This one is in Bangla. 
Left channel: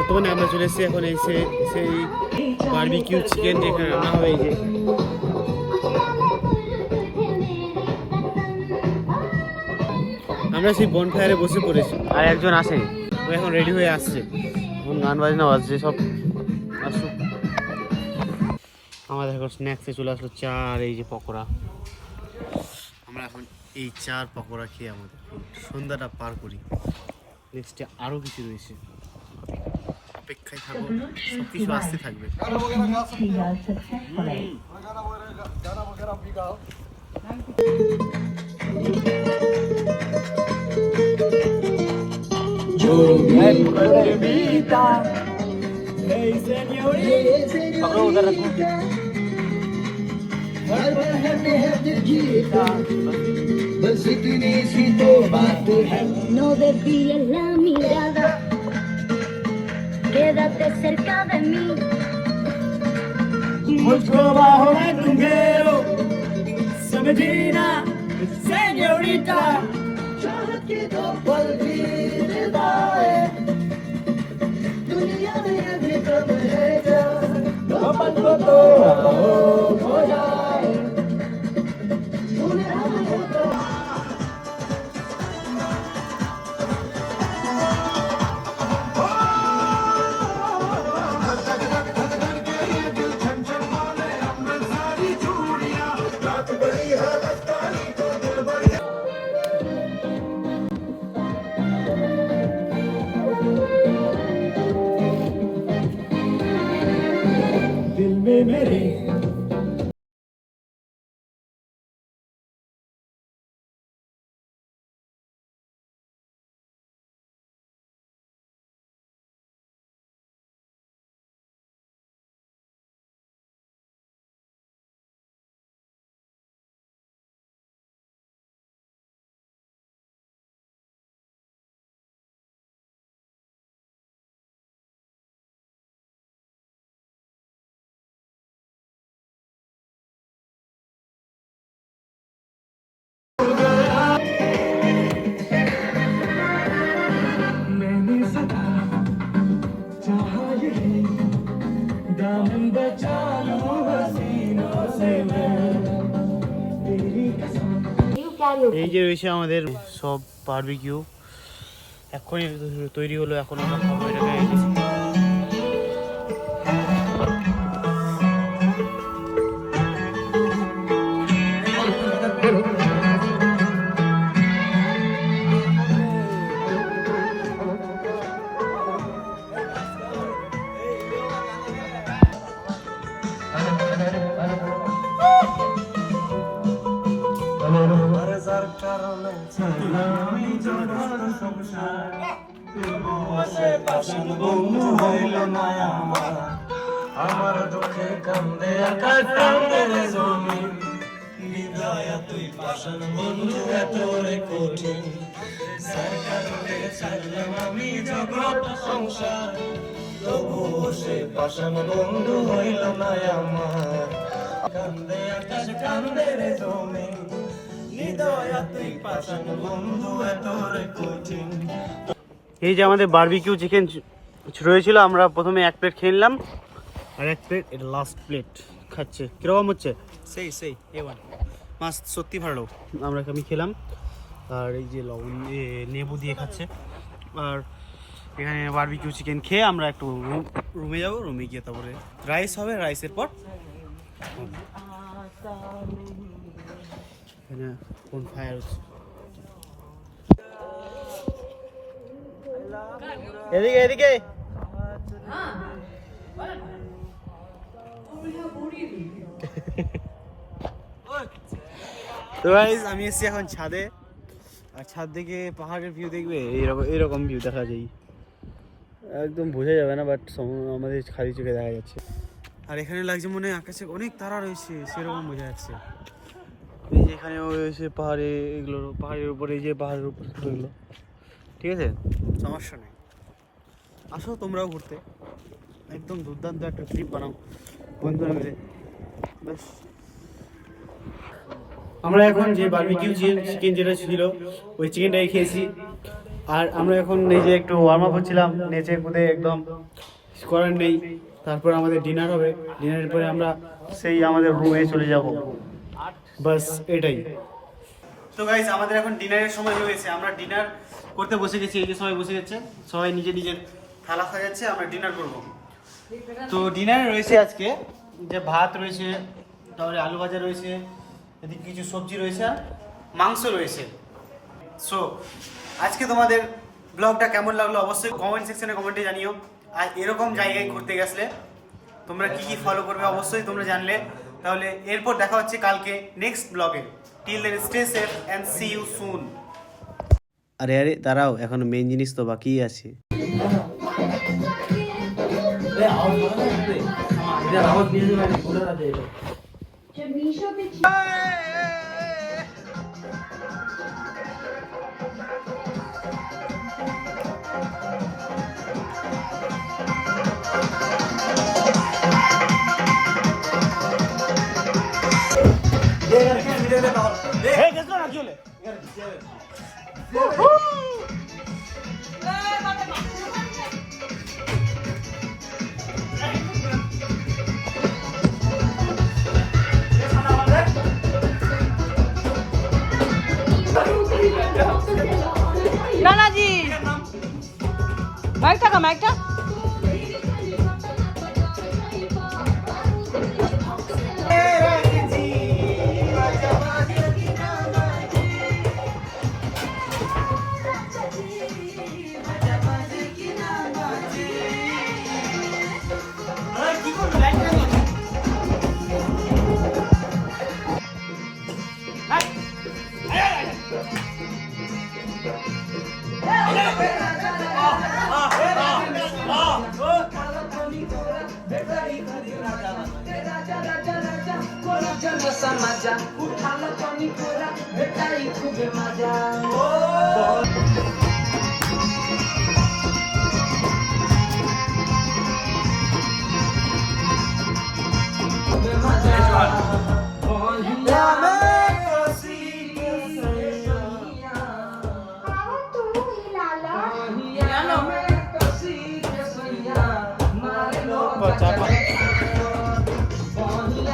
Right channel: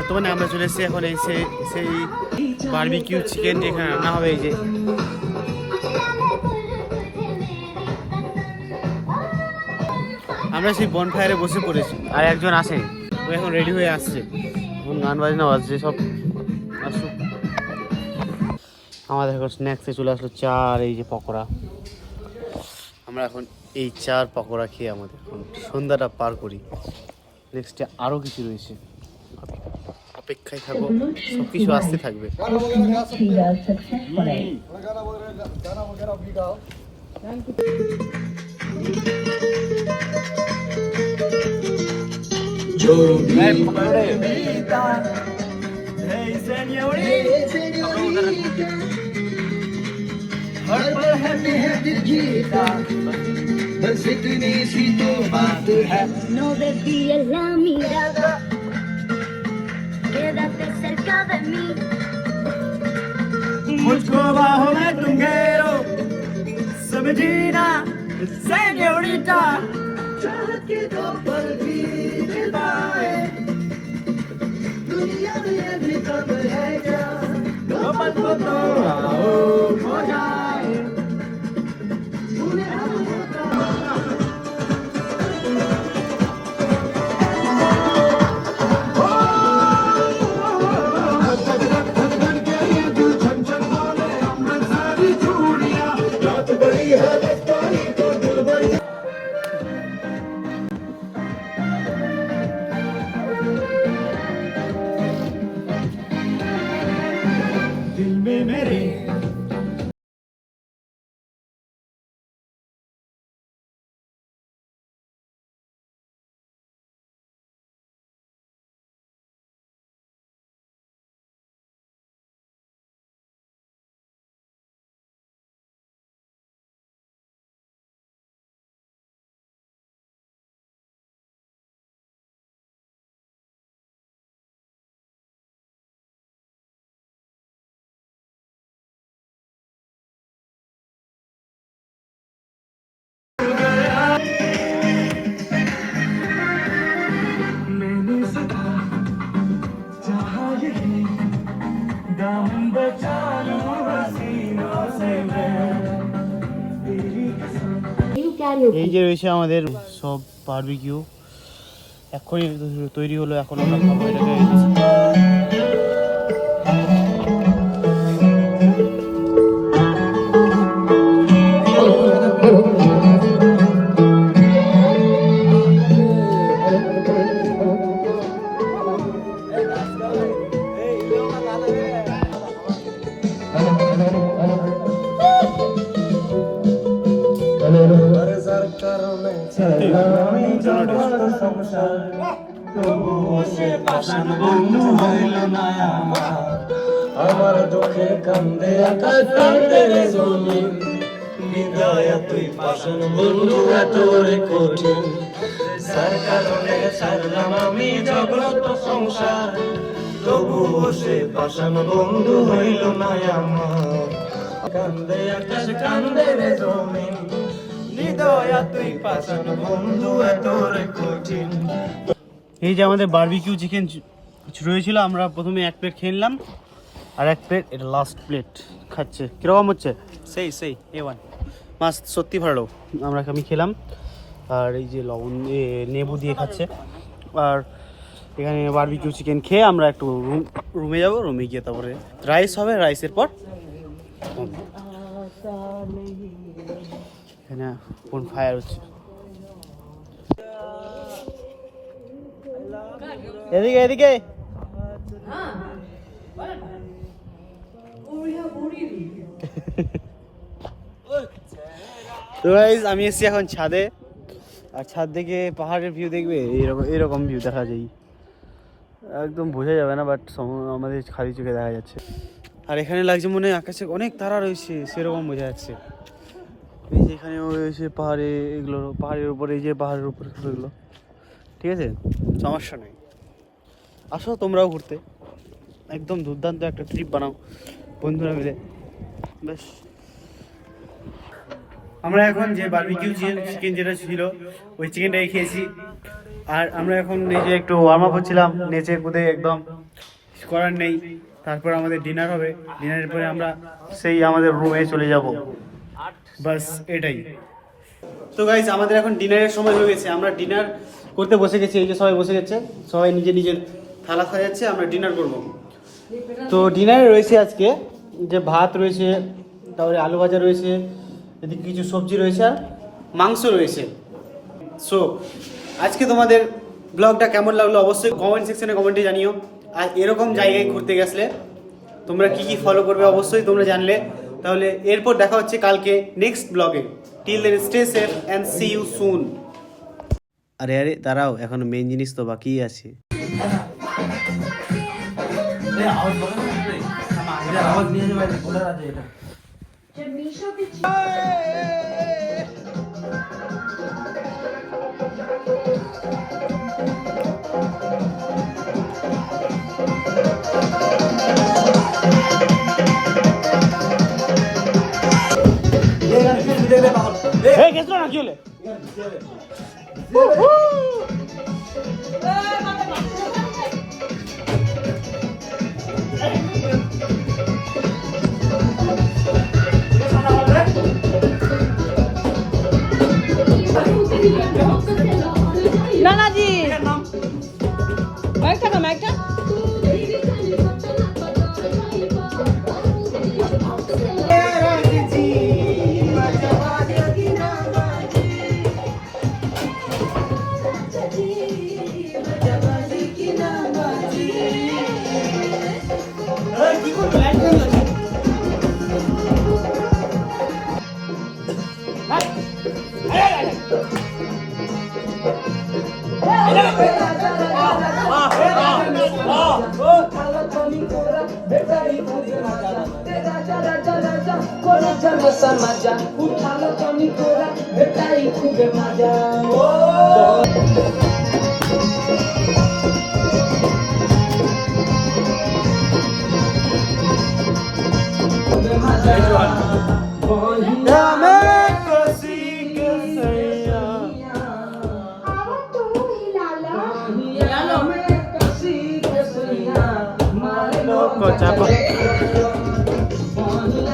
বর্তমানে আমরা চলে এসেছি এখন সেই বারবিকিউ চিকেন যেখানে রান্না হবে। এই যে আমরা সেই বনফায়ারে বসে পড়েছি, আর একজন আসেনি, ও এখন রেডি হয়ে আসছে, এখন গান বাজনা বাজছে সব। আসুক। আমাদের এখন স্ন্যাক্সে চলে আসলো চা আর এই যে পকোড়া। আমরা এখন এই চার পকোড়া খেয়ে আমাদের সন্ধ্যাটা পার করি। নেক্সটে আরও কিছু রয়েছে, অপেক্ষায় থাকো, সব কিছু আসতে থাকবে। बस इतनी सी तो बात है no baby la mirada quédate cerca de mí मुझको बाहों में तुम घेरो समझी ना señorita चाहत के दो पल भी दिलाए दुनिया में भी कब है क्या मोहब्बत को तो हो जाए दिल में मेरे এই যে রয়েছে আমাদের সব বারবিকিউ, এখনই তৈরি হলো, এখন আমরা খাবো এটাকে। এই যে আমার দুঃখে কান্দে আকাশ কান্দে জমি নিদয়া তুই পাশন বন্ধু এতরে কঠিন সার কারণে ছাড়লাম আমি জগৎ সংসার তবুও সে পাশন বন্ধু হইল না আমার কান্দে আকাশ কান্দে রে জমি নিদয়া তুই পাশন বন্ধু এতরে কঠিন। এই যে আমাদের বারবিকিউ চিকেন রয়েছিল, আমরা প্রথমে এক প্লেট খেয়ে নিলাম, আর এক প্লেট এটা লাস্ট প্লেট খাচ্ছে। কীরকম হচ্ছে? সেই A1 মাছ সত্যি ভালো। আমি খেলাম, আর এই যে লবণ নেবু দিয়ে খাচ্ছে। আর এখানে বারবিকিউ চিকেন খেয়ে আমরা একটু রুমে যাব, রুমে গিয়ে তারপরে রাইস হবে, রাইসের পর এখানে কোন ফায়ার হচ্ছে। এদিকে এদিকে তো গাইস আমি এসেছি এখন ছাদে, আর ছাদ থেকে পাহাড়ের ভিউ দেখবে, এরকম ভিউ দেখা যায়, একদম বোঝা যাবে না, বাট আমাদের খালি চোখে দেখা যাচ্ছে। আর এখানে লাগছে মনে হয় আকাশে অনেক তারা রয়েছে, সেরকম বোঝা যাচ্ছে। এই যে এখানেও রয়েছে পাহাড়ে, এগুলো পাহাড়ের উপরে, এই যে পাহাড়ের উপরে এগুলো, ঠিক আছে, সমস্যা নেই। আসো তোমরাও ঘুরতে, একদম দুর্দান্ত একটা ট্রিপ বানাও বন্ধুরা মিলে। বেশ, আমরা এখন যে বারবিকিউ চিকেন যেটা ছিল ওই চিকেনটাই খেয়েছি, আর আমরা এখন নিচে একটু ওয়ার্ম আপ হচ্ছিলাম, নেচে কুদে একদম করার নেই। তারপর আমাদের ডিনার হবে, ডিনারের পরে আমরা সেই আমাদের রুমে চলে যাব, বাস এটাই। তো গাইস আমাদের এখন ডিনারের সময় হয়ে গেছে, আমরা ডিনার করতে বসে গেছি। এই যে সবাই বসে গেছে, সবাই নিজের নিজের থালা সাজাচ্ছে, আমরা ডিনার করব। তো ডিনারে রয়েছে আজকে যে ভাত রয়েছে, তারপরে আলু ভাজা রয়েছে, এদিকে কিছু সবজি রয়েছে আর মাংস রয়েছে। সো আজকে তোমাদের ব্লগটা কেমন লাগলো অবশ্যই কমেন্ট সেকশনে কমেন্টে জানিও। আর এরকম জায়গায় ঘুরতে গেছলে তোমরা কি কি ফলো করবে অবশ্যই তোমরা জানলে। তাহলে এরপর দেখা হচ্ছে কালকে নেক্সট ব্লগে। Till then stay safe and see you soon. আরে আরে দাঁড়াও, এখন মেইন জিনিস তো বাকি আছে। নানাজি মাইকটা না মাইকটা मजा उठालो जमी कोरा बेटाई खूबे मजा Kocak